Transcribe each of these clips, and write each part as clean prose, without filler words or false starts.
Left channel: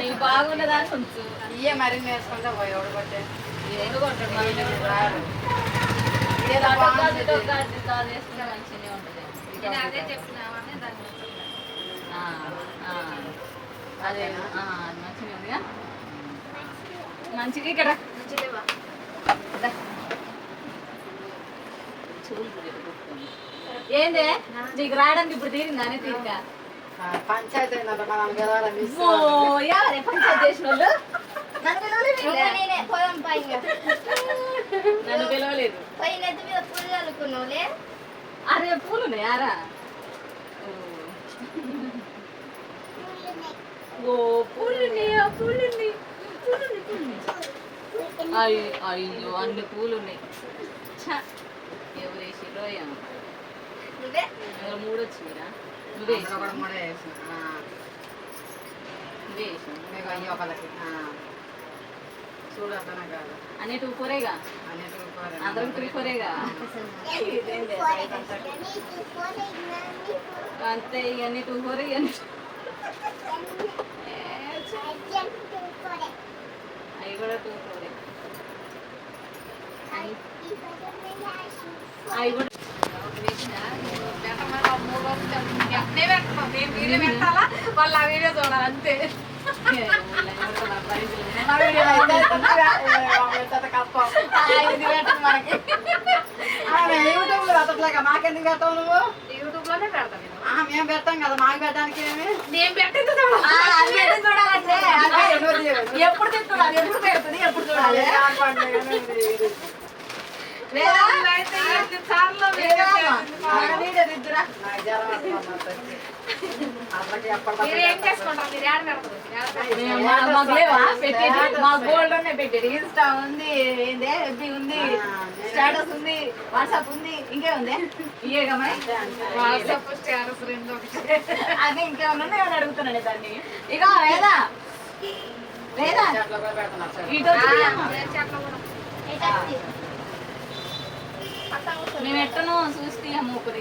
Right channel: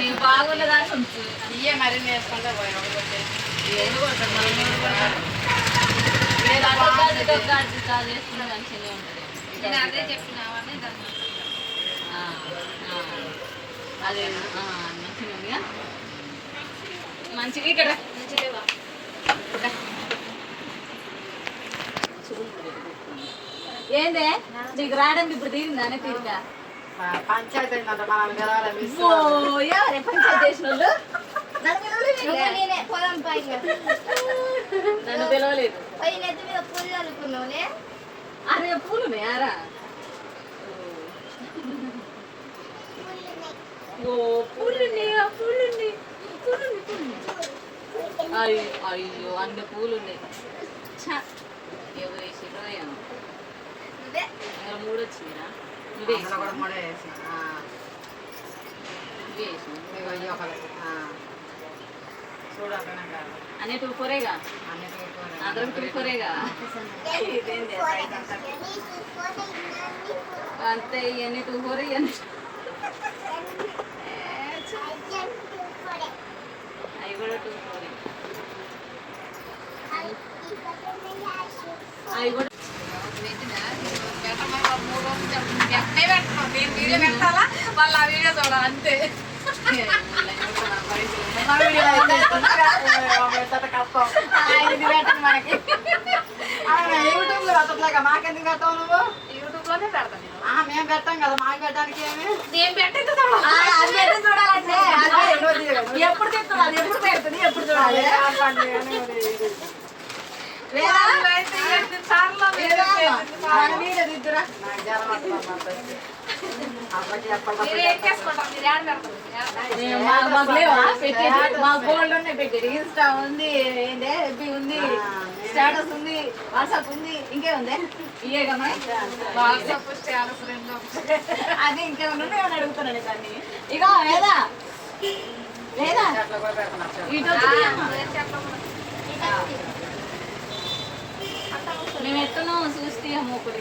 నీకు బాగున్నదాన్ని ఉంచు. ఇవే మరి నేర్చుకుంటా పోయి ఒకటి చేసుకుంటే మంచిగానే ఉంటుంది. అదే చెప్పినావని దాన్ని అదే మంచిగా ఉందిగా. మంచిగా ఇక్కడ ఏందే నీకు రావడానికి ఇప్పుడు తీరిందా అని తీరిక పంచాయతీ అయిందంట మనం గెలవాలి ఎవరే పంచాయతీ చేసిన వాళ్ళు నన్ను పిలవలేదు. అరే పూలున్నాయి ఆరా ఓ పూలున్నాయా పూలున్నాయి అయ్యో అన్ని పూలున్నాయి. ఎవరు వేసిరో ఏమో మూడు వచ్చిందిరా నువ్వే కూడా మూడే వేసిన చూడగా అన్ని 2-4గా అందరం 2-4గా అంతే. ఇవన్నీ 2-4 ఇవన్నీ అవి కూడా 2-4 అవి కూడా నేను వీడియో పెట్టాలా వాళ్ళు ఆ వీడియో చూడాలి అంతే. మనకి యూట్యూబ్ లో పెట్టట్లేక మాకెందుకు పెట్టావు నువ్వు? యూట్యూబ్ లోనే పెడతాను. మేము పెట్టాం కదా మాకు పెట్టడానికి ఏమి నేను పెట్టింది చూడాలంటే ఎప్పుడు తిప్పుతుంది ఎప్పుడు పెడుతుంది ఎప్పుడు చూడాలి. మా గోల్డ్ ఉన్నాయి పెట్టేది. ఇన్స్టా ఉంది, ఎఫ్బి ఉంది, స్టేటస్ ఉంది, వాట్సాప్ ఉంది, ఇంకేముంది ఇవే గమని అదే ఇంకేమన్నా అని అడుగుతున్నాను దాన్ని. ఇక వేదా వేదా మేము ఎట్టనో చూస్తే మూకుడి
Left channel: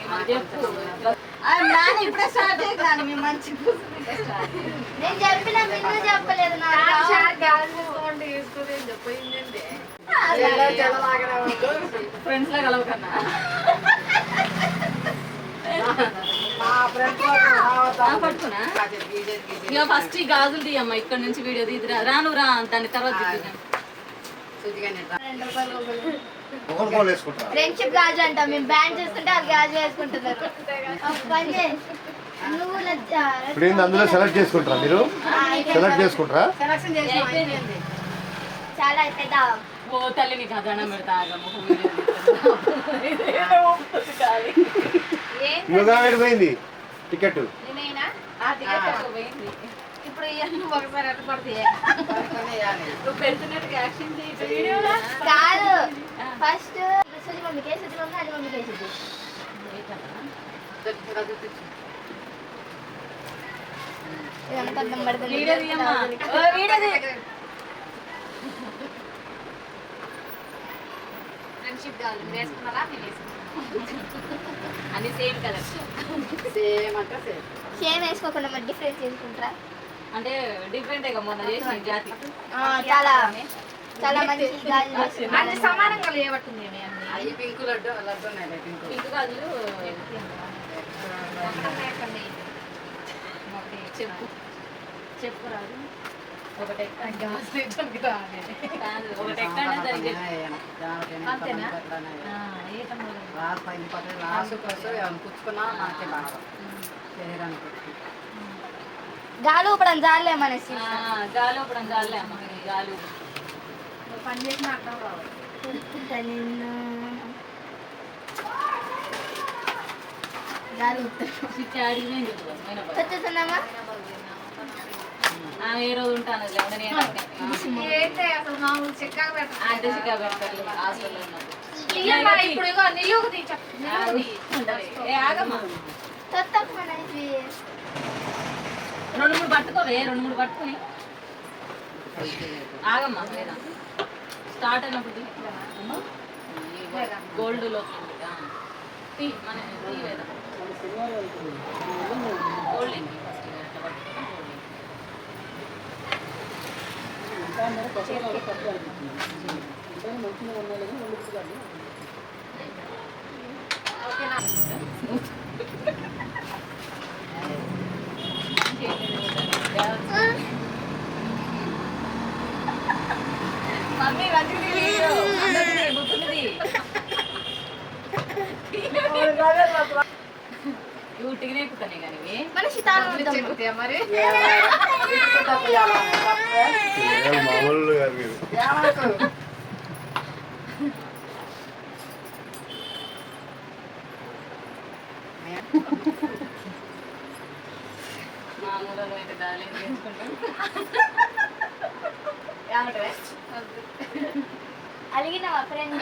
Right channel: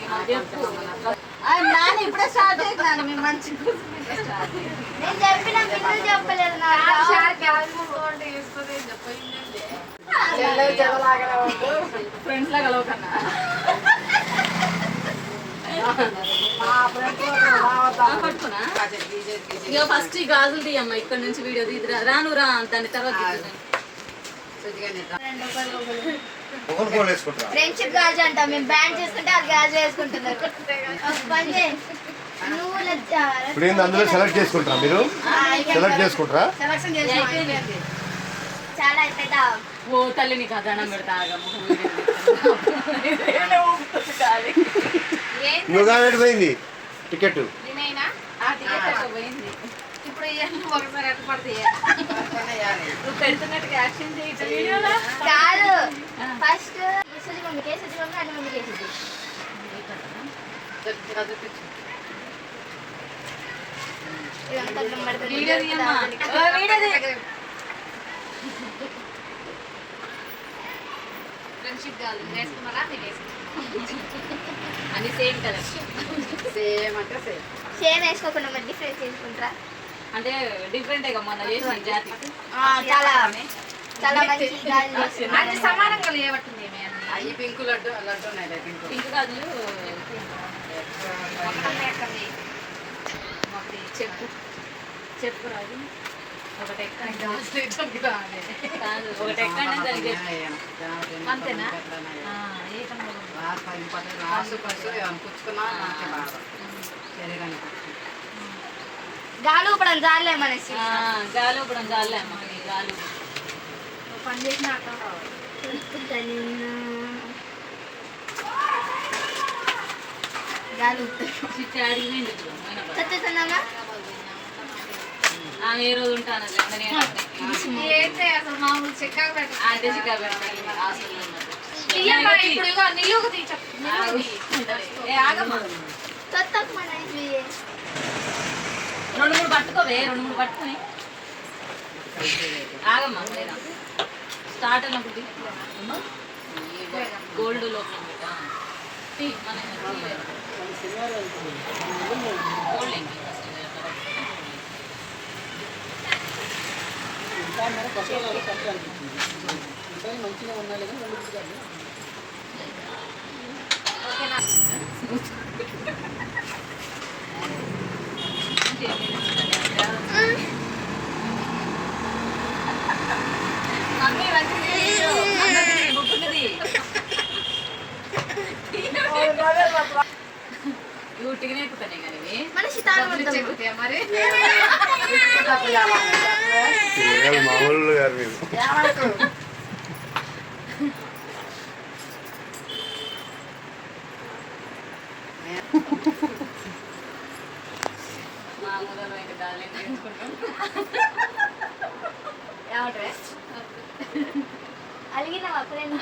నాన్న ఇప్పుడే స్టార్ట్ చేయగలను. మేము మంచి ఫ్రెండ్స్ లా కలవకన్నా పట్టుకున్నా. ఇక ఫస్ట్ ఈ గాజులు తీయమ్మా ఇక్కడ నుంచి వీడియో తీద్దురా. రాను రా దాని తర్వాత ఫ్రెండ్షిప్ గాజు అంట. మేము బ్యాండ్ చేసుకుంటే అది గాజు వేసుకుంటున్నారు. అందులో సెలెక్ట్ చేసుకుంటారా మీరు? సెలెక్ట్ చేసుకుంటారా? చాలా పెద్ద ఓ తల్లి నీకు అదనం పెడతా. పోయింది టికెట్ పోయింది. ఇప్పుడు ఒకసారి ఎట్లా పడతాయి నువ్వు పెడుతున్నట్టుగా యాక్షన్ చాలు. ఫస్ట్ మమ్మీకి వేసేది మమ్మీ అది మమ్మీకి వేసేది. ఫ్రెండ్షిప్ కాదు వేసుకున్నారా మీరు వేసుకున్నారా అని సేమ్ కలెక్షన్ సేమ్ అంటే సేమ్ సేమ్ వేసుకోకుండా మరి డిఫరెంట్ చేసుకుంటారా? అంటే డిఫరెంట్ మొన్న చేసిన జాతి చాలా చాలా మంచి అన్ని సమానంగా లేవట్టుంది. అవి పింక్ లడ్డు లడ్డు ఉన్నాయి. పింక్ గాజులు చెప్పు చెప్పు రాదు. ఒకటి కాదు ఒకటి అంతేనా? గాలు ఇప్పుడు జాలే మనసి గాలు ఇప్పుడు జాలే అమ్మ గాలు పని చేసిన అర్థం రావాలి. ఏ రోజు ఉంటాను మామూలు చిక్కగా అంటే చిక్కా పెడతారు హాస్టల్లో ఆగమ్మా. 2-3 పట్టుకోవే 2-3 పట్టుకుని ఆగమ్మా. లేదా స్టార్ట్ అయినప్పుడు గోల్డ్ లో గోల్డ్ మమ్మీ మంచిది అన్నది బుక్కున్నది ఊటిగానే ఎక్కుతానే కానీ ఇవి. మనిషి తాను చెక్కుతాయా మరి మామూలు గారు మీరు. మా ఊళ్ళో ఇంకా దాని పెంచుకుంటాం. ఏమంటావే? అలిగినవా ఫ్రెండ్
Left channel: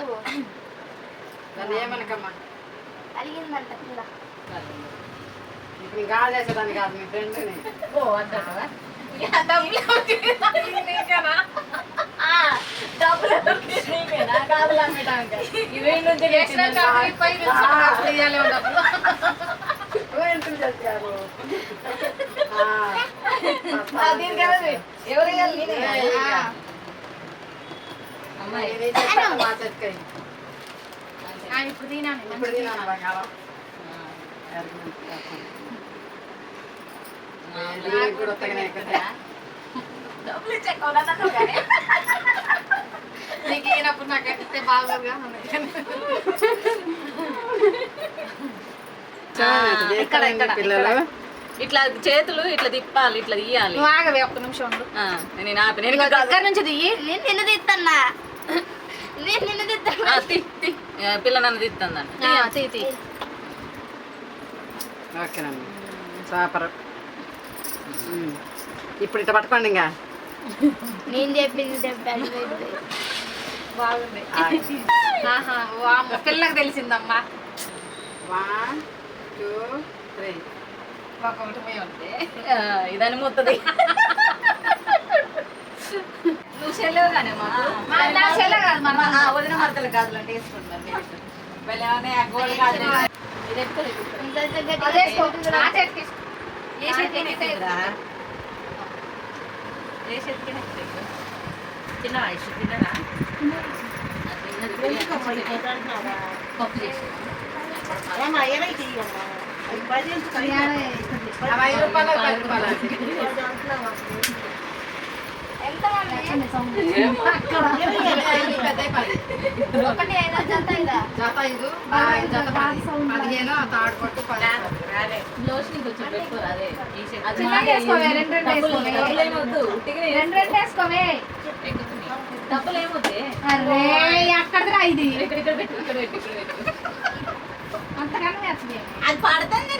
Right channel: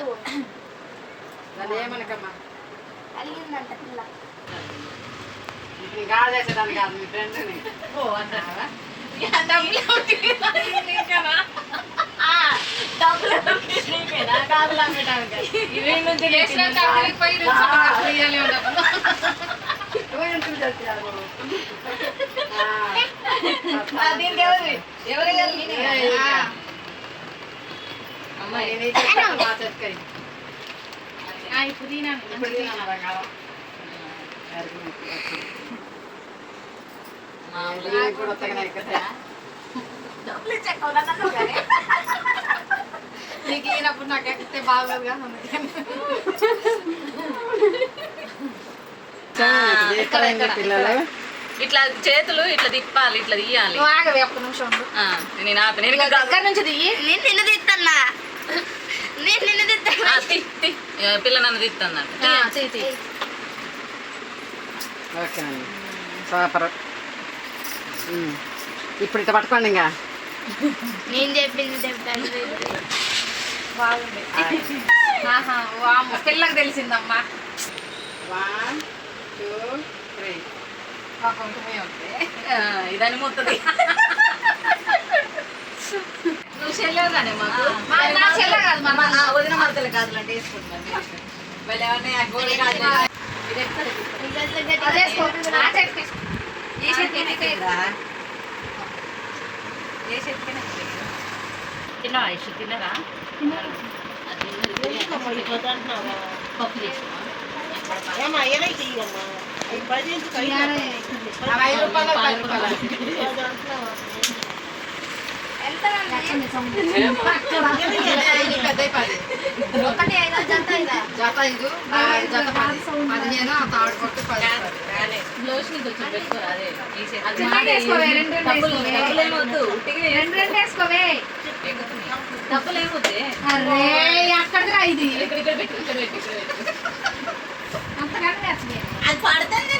నన్ను ఏమనకమ్మా అలిగిందంట పిల్ల ఇప్పుడు నీ గాలి చేసేదాన్ని కాదు మీ ఫ్రెండ్ని ఓ అంటావా? డబ్బులు నీకేనా? కాదులు అమ్మటానికి. ఇవే నుంచి తెచ్చినాక దీనికి ఎవరు వేయాలి? నేనే. అమ్మాయి మా చెట్టుకాయ ఇప్పుడు తినాను ఇప్పుడు తినాలా కాలం కూడా వస్తాయి ఎక్కుతాయా డబ్బులు ఇచ్చేసుకోవాలి కానీ నీకు ఈయనప్పుడు నాకు ఎక్కితే బాగోదుగా పిల్లలు ఇట్లా చేతులు ఇట్లా తిప్పాలి, ఇట్లా తీయాలి. నువ్వు ఆగవే ఒక్క నిమిషం నేను ఆపి నేను ఇంకా దగ్గర నుంచి తీయి. నేను నిన్ను తీస్తానా నిన్ను తీస్తాను పిల్ల నన్ను తీస్తుందండి. ఓకేనండి సూపర్ ఇప్పుడు ఇట్లా పట్టుకోండి ఇంకా నేను చెప్పింది చెప్పాను బాగుంది పిల్లకి తెలిసిందమ్మా 1 2 3 ఇదని ముత్తది. నువ్వు చెల్లెవు కానీ మాకు నా చెల్లె కాదు, వదిన మరతలు కాదులు అంటే వేసుకుంటున్నాను. మళ్ళీ ఏమన్నా గోల్డ్ కాదు ఇది ఎప్పుడు ఏ చేతికైనా తిన్నావా? ఇష్ట తిన్నరా? పప్పు చేసినా 5 రూపాయలు 10 రూపాయలు ఎంత ఒకటి 5 జత ఇదా జత 5 జత 15 ఆ తాడు కొట్టు 10 బ్లౌజ్ ని కొంచెం పెట్టు. అదే డబ్బులు ఏమొద్దే అక్కడ ఇది ఇక్కడ పెట్టు, ఇక్కడ పెట్టు, ఇక్కడ పెట్టు. అంతకన్నా అది పడుతుంది.